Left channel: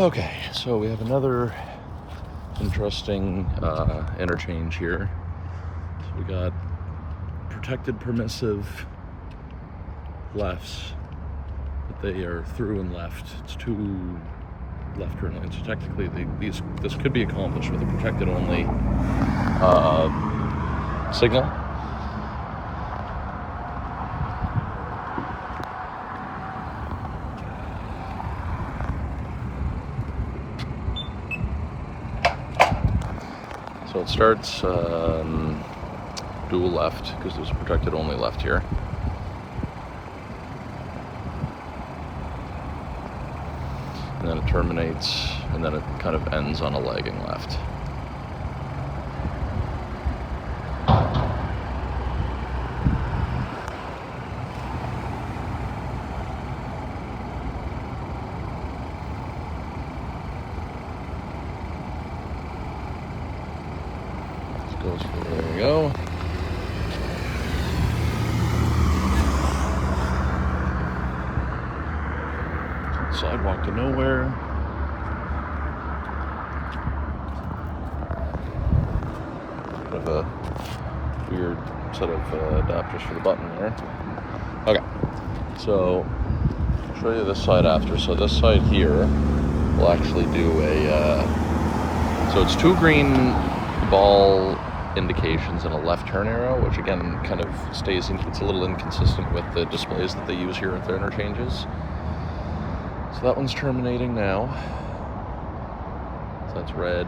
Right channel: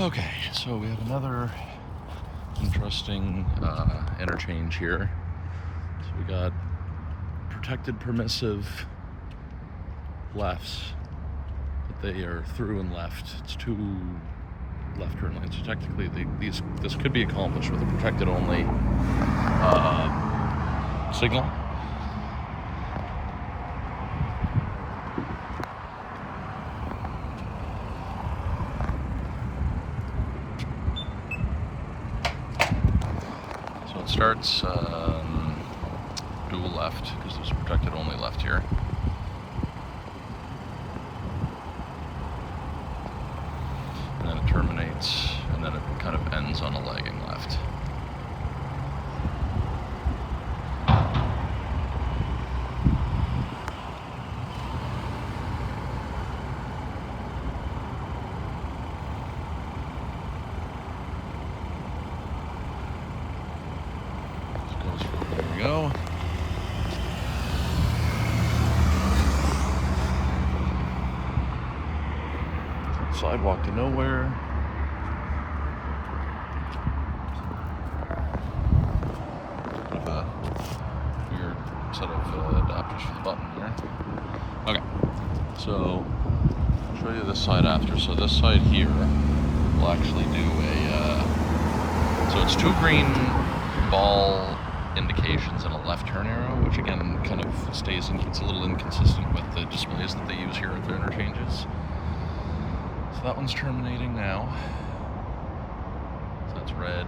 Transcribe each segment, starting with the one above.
Okay, so we have another interesting interchange here. So we got protected permissive lefts, but they are through and left. It's two left turn lanes. So technically, this could be accomplished with a protected only signal. So it starts dual left because there's a protected only left here. And then it terminates, and then it kind of ends on a lagging left. There we go. Sidewalk to nowhere. Bit of a weird set of adapters for the button there. Okay, so I'll show you this side after. So this side here will actually do a, so it's two green ball indications and a left turn arrow, which again kind of stays in, it's a little inconsistent with the displays that they use here at the interchanges. So that one's terminating now. So that's red.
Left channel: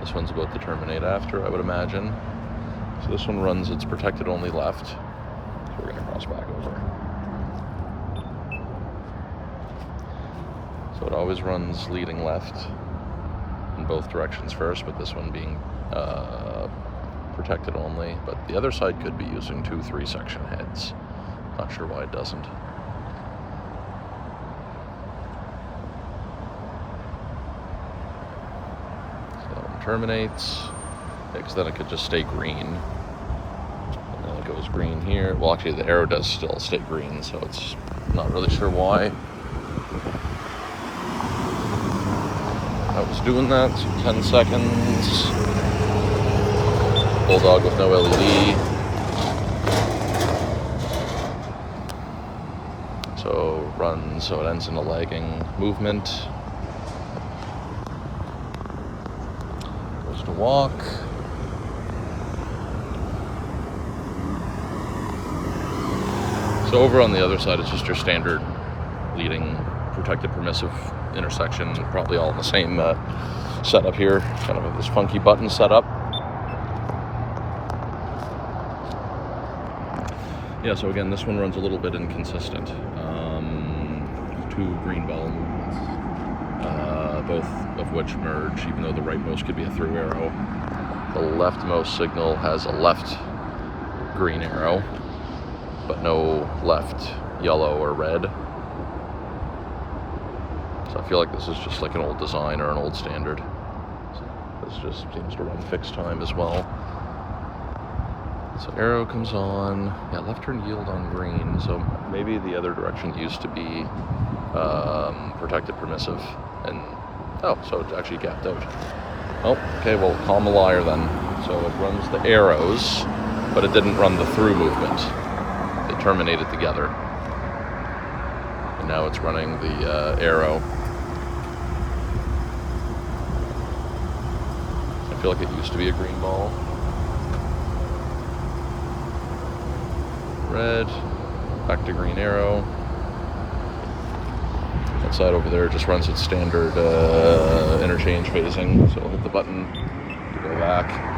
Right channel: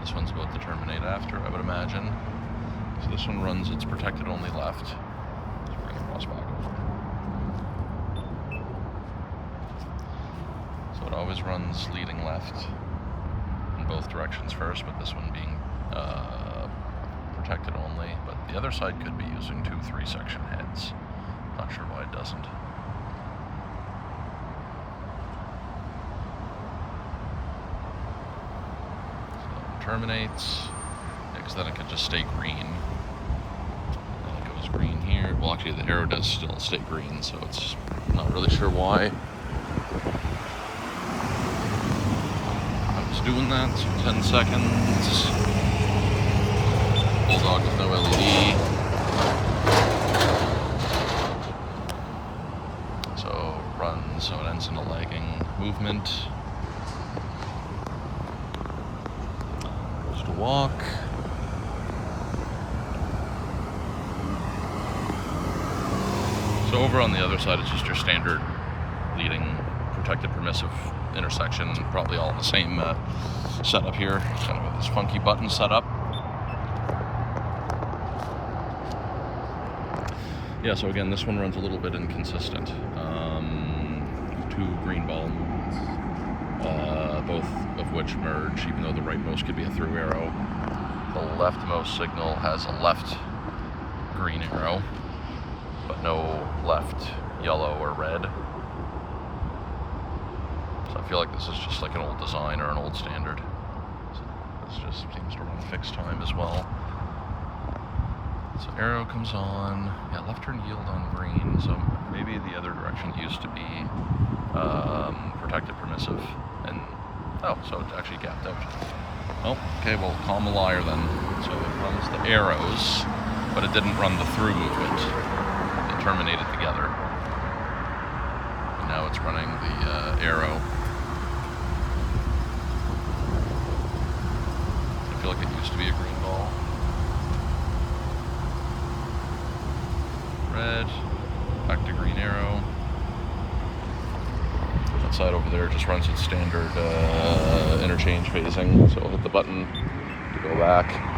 This one's about to terminate after, I would imagine. So this one runs its protected only left. So it always runs leading left in both directions first, but this one being protected only. But the other side could be using 2 3-section heads. Not sure why it doesn't. So it terminates, because then it could just stay green. And it goes green here. Well, actually the arrow does still stay green, so it's not really sure why. Doing that, 10 seconds. Bulldog with no LED. So runs, so it ends in a lagging movement. Goes to walk. So over on the other side, it's just your standard leading protected permissive intersection, probably all the same setup here, kind of this funky button setup. Yeah, so again, this one runs a little bit inconsistent. 2 green ball movements, both of which merge, even though the rightmost could be a through arrow. The leftmost signal has a left green arrow, but no left yellow or red. I feel like this is just like an old design or an old standard. So this just seems to run fixed time as well. So arrow comes on. Yeah, left turn yield on green. So maybe the other direction used to be protected permissive. And oh, so it's actually gapped out. Oh, okay, well, call him a liar then. So it runs the arrows, but it didn't run the through movement. They terminated together. Now it's running the arrow. I feel like it used to be a green ball. Red, back to green arrow. That side over there just runs its standard interchange phasing. So I'll hit the button to go back.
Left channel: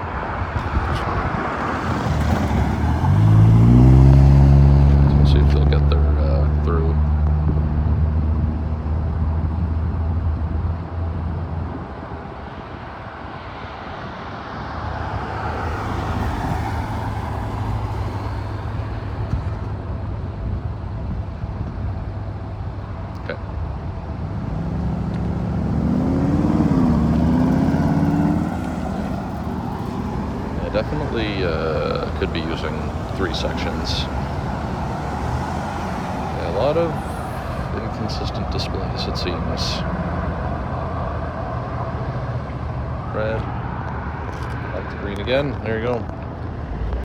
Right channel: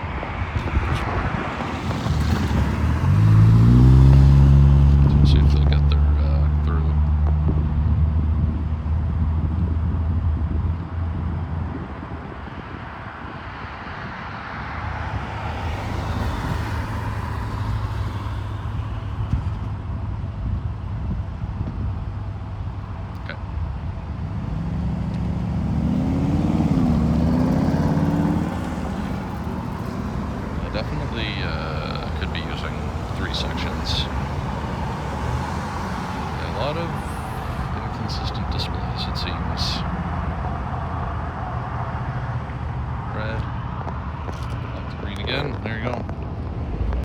Definitely could be using 3 sections. A lot of consistent displays, it seems. Red, back to green again. There you go.